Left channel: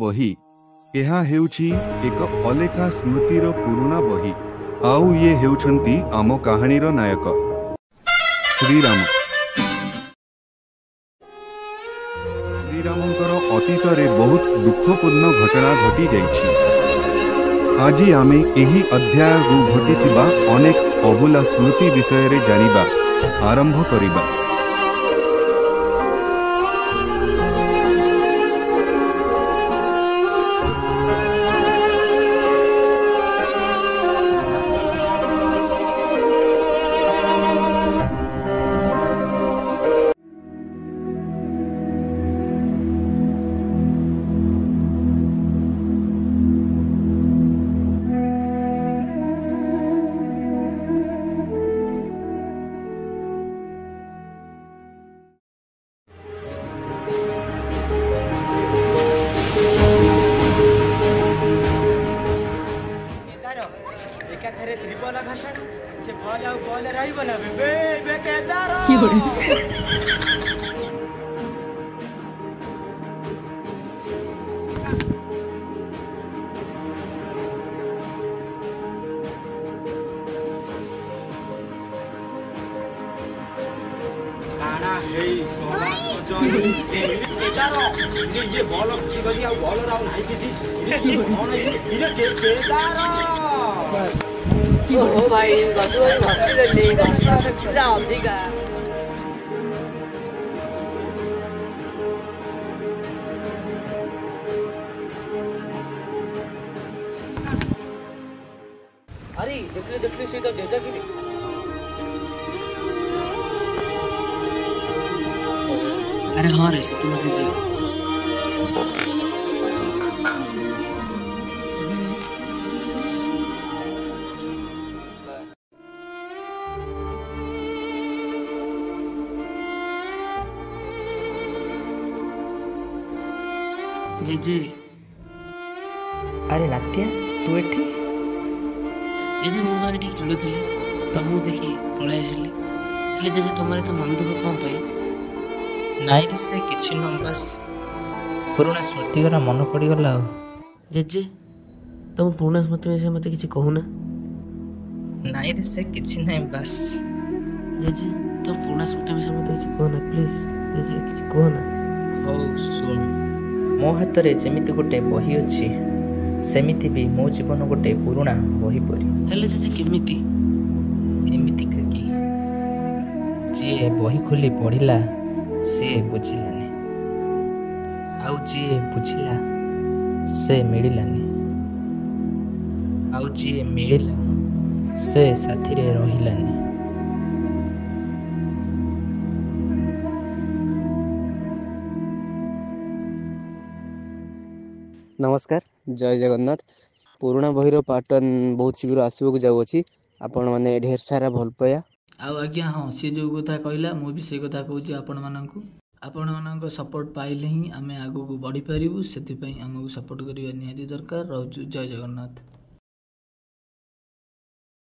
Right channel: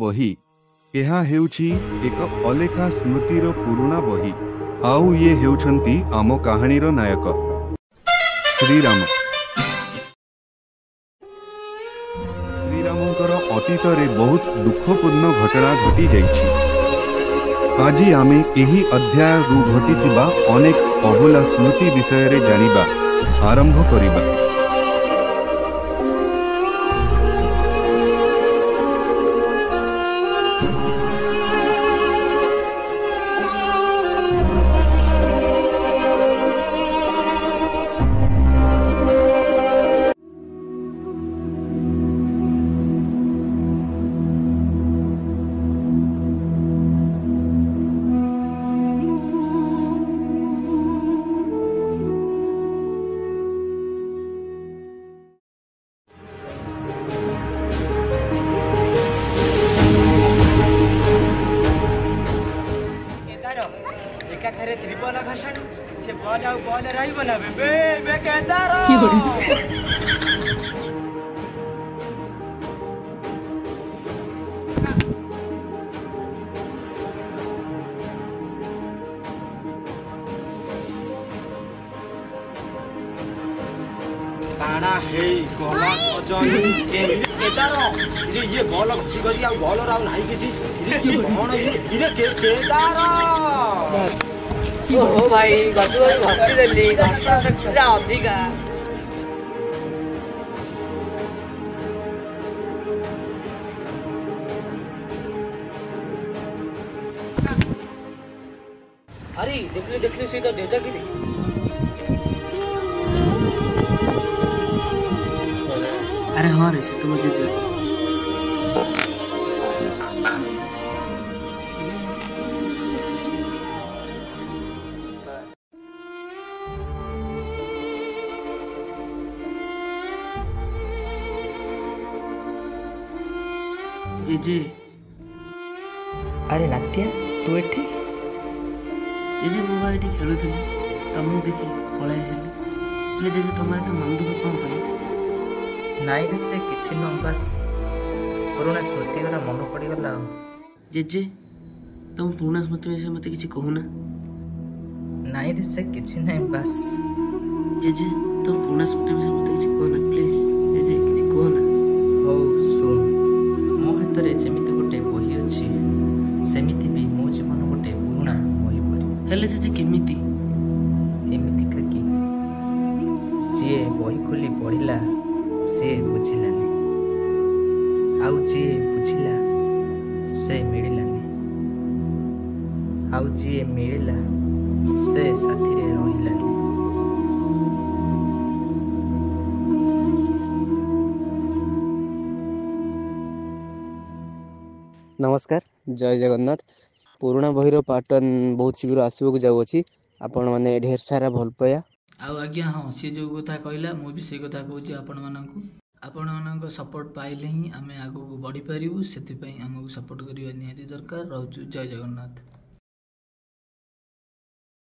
बही ଏହା ହେଉଛି ଏକ ଅଲେଖା ସ୍ମୃତିର ପୁରୁଣା ବହି। ଆଉ ଇଏ ହେଉଛନ୍ତି ଆମ କାହାଣୀର ନାୟକ ଶ୍ରୀରାମ। ଶ୍ରୀରାମଙ୍କର ଅତୀତରେ ବହୁତ ଦୁଃଖପୂର୍ଣ୍ଣ ଘଟଣା ଘଟି ଯାଇଛି। ଆଜି ଆମେ ଏହି ଅଧ୍ୟାୟରୁ ଘଟିଥିବା ଅନେକ ଅଭୁଲା ସ୍ମୃତି ବିଷୟରେ ଜାଣିବା ଆରମ୍ଭ କରିବା। एकाथरे त्रिबल घाषण से बॉल आउ बॉल रहिब ना बे बे केदार काना हे गला सजन केदार ये बॉल घसी घसी आ बॉल राउ नाही किछि कोन ये केदार ओ भाई घसी देली घसना से पूजा अधिका अरे देखले से तो जेजा की अरे हाँ रे से तुम जेजा जेजे। अरे नात्या तू एठी जेजे मु एठी खेलुथिली तुमको देखि पळाई आसिली हेले जेजे तुमरे तो मन दुख कोन पई नाई रे से किछि न बस पुराना स्मृति गरा मन पड़ी गला। जेजे तुम पुराना स्मृति में से मते किछि कहूना। नाई रे से किछि नहीं बस जेजे तुम पुराना स्मृति में से मते किछि कहूना प्लीज जेजे किछि कहूना। हो सुन मो हाथ रे जेमिति गोटे बही अछि सेमिति भी मो जीवन गोटे पुराना बही परी हेले जेजे केमिति केमिति काकी जे बही खोली पढ़िला से बुझिलानी आउ जी बुझिला से मिलिलानी आउ जी मिलिला से साथी रे रहिलानी। नमस्कार जय जगन्नाथ। पुराना बहीर पार्ट 1 बहुत शीघ्र आसवाक जाऊँगी आपण मैंने ढेर सारा भल पाया आउ आज्ञा हाँ सी जो कथा कहला मु भी से कथा कहूँ आपण मानक सपोर्ट पाइले ही आम आगू बढ़ी पारू से आमको सपोर्ट करवा निहाती दरकार। रोचु जय जगन्नाथ।